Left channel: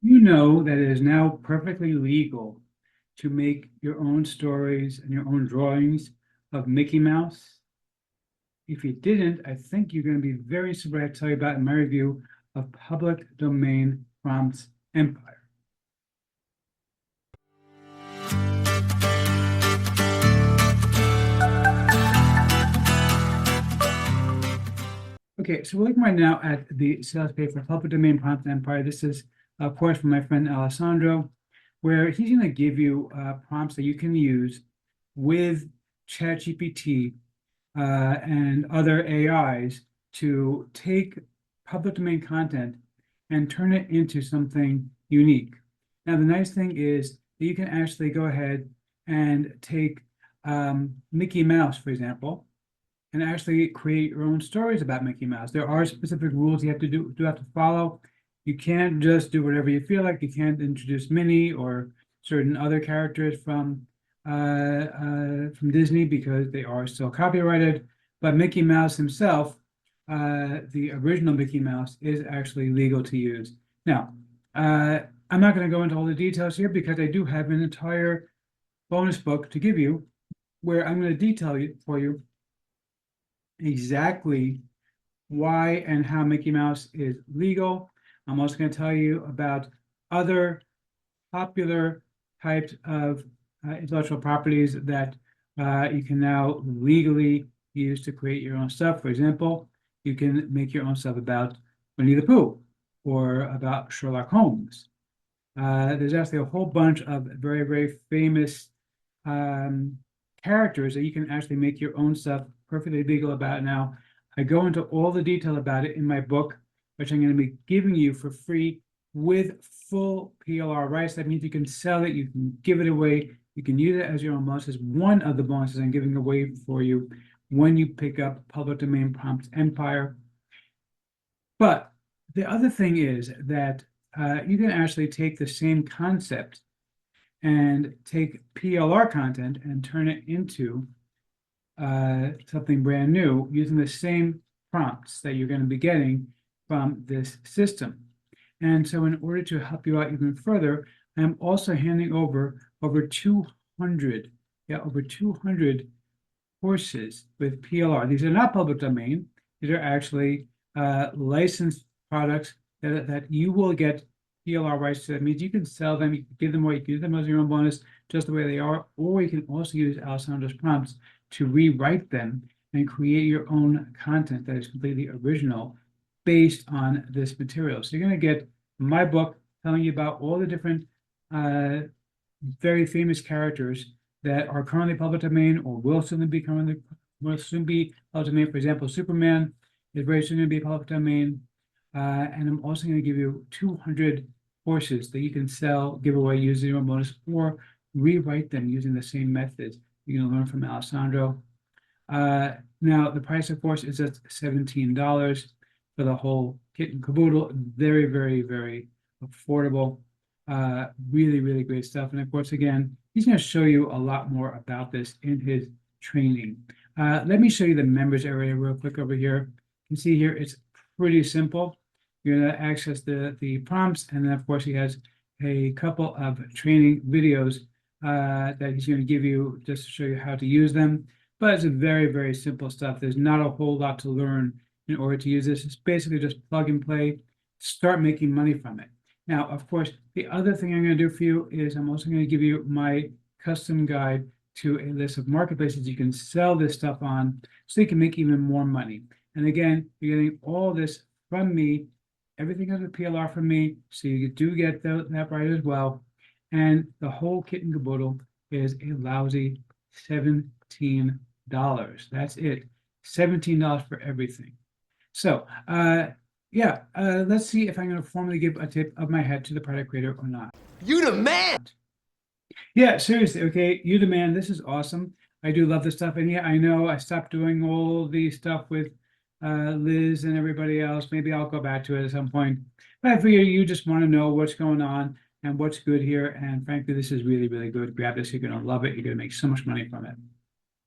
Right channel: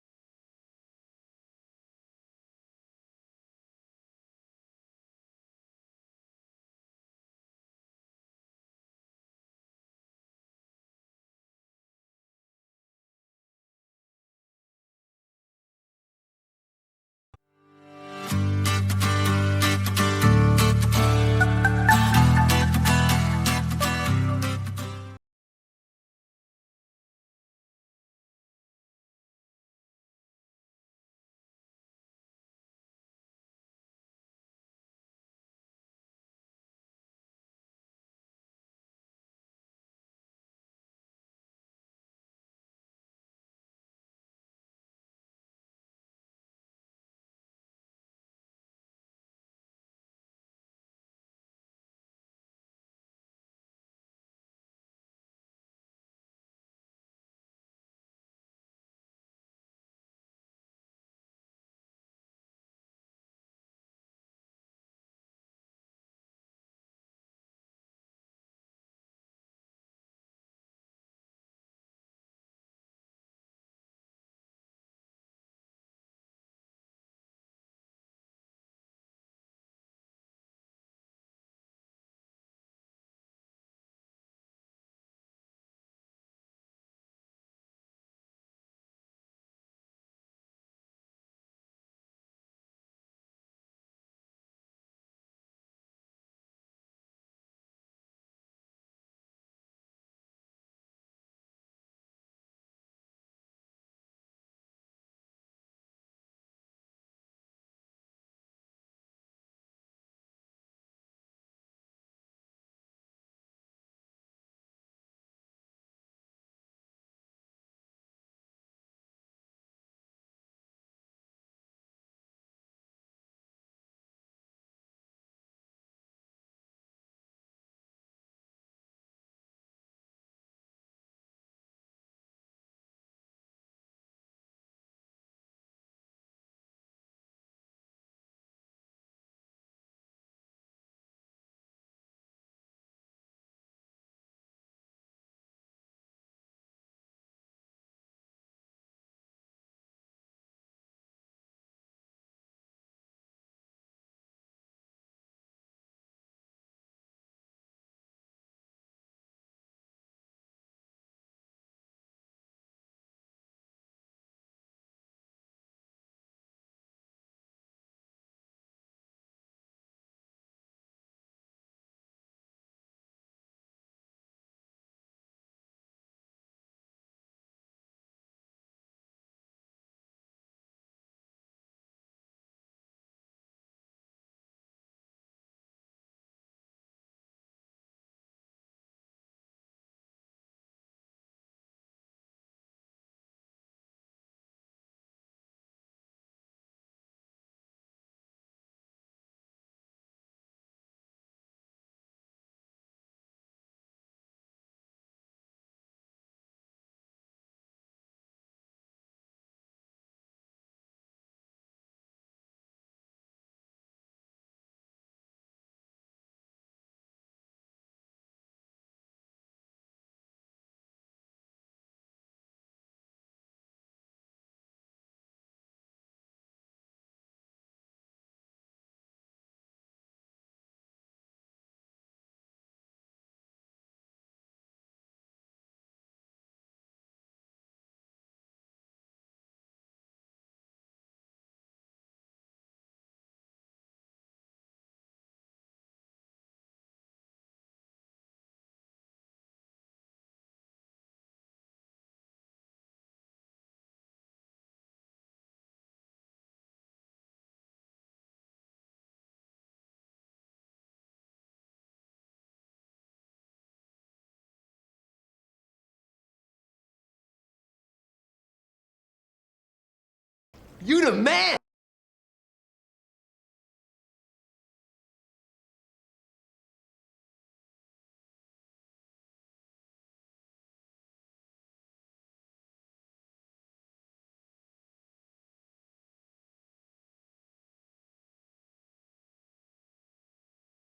You know that it is now perfectly legal to make your own stories and your own drawings of Mickey Mouse. If you didn't, I think you're going to be very surprised to tell you about in my review of public domain prompts empire. Okay, so we're looking right now at the sales page for public domain prompt empire. This is, of course, from my friend Alessandro, where he's going to give you prompts that you can use with ChatGPT and other AIs to take public domain content and turn it into something unique. Now, the nice thing is that you can actually go ahead and take Mickey Mouse, for example, and actually create your own stories about Mickey Mouse. There are specific rules you have to follow. You can't just do whatever you feel like. You can't introduce Minnie or certain other characters from Disney because they are still copyrighted. But Mickey Mouse himself, the original Mickey Mouse, is actually legal to use. Now, I'm not going to go into all the details here because I do have an entire bonus book to give you where I'm going to detail it for you exactly why and how Mickey Mouse is legal. I'm also going to tell you about other popular types of intellectual properties that you can now legally use to create your own stuff. For example, you can make your own stuff about Winnie the Pooh or about Sherlock Holmes. There's actually a whole bunch of very, very famous characters that you can actually make your own stuff perfectly legal about now. I go into all the detail about it in my book, which I'm going to be giving you for free with full PLR rights. That means you can sell it, you can give it away, you can use it as your own bonus. It's one of the bonuses I'm giving away for you when you pick up Public Domain Prompts Empire. But the other thing is that you can actually take the same concept and take PLR content and turn it into something brand new using the same prompts that you're going to be getting from this system. And so in order to help you out even further, I'm also handing over 200, over 200 courses with PLR. These are not public domain. These are actually licensed products that you will get PLR rights to. That means you can sell them, you can give them away, you can use them as your own bonus, just the way they are, or you can also use Alessandro's prompts to rewrite them and create your own content that is completely original based on this material. So you're going to get my book telling you about all the different very famous characters that are currently public domain or will soon be public domain. For example, Superman is very soon going to be public domain. And I'm also going to give you 200 courses that you can sell, give away, use your own bonus, or rewrite them using the same methods you're going to learn from Alessandro. Now, the price, of course, is at $17 for the whole kit and caboodle. Very, very, very affordable. Really, really great stuff. And of course, again, he's going to show you a lot more about this in his training. Let me show you the members area real quick over here. You can see here, it's pretty simple. You're going to access the prompts, and then of course he has a couple of training videos that he's going to give you just to show you how to use them. But it's a very, very simple stuff. There's not a whole lot to learn in order to use this. It's basically just plug and play, start making money from it. Now, of course, the other thing I'm going to do for you is I'm also going to give you my custom guide to a list of marketplaces you can sell this stuff on so you can make even more money. And again, you're getting all this from me. Everything has a PLR from me, so you do get that right as well. And the whole kit and caboodle is a lousy $17. That's it. $17 for everything. So, let's see if I'm going to formally give a tip of my head to the product creator or not. You the man! Yeah, seriously. Okay, you the man. This is awesome. I do love this stuff. And yeah, I know I stopped doing all the stuff with Liz and everybody else. Maybe I'll go back to it at some point. But I figure you just want to know what's going on and what's good here. And frankly, this is really, really good. Grab this. You're going to love it. You're going to make so much money from it.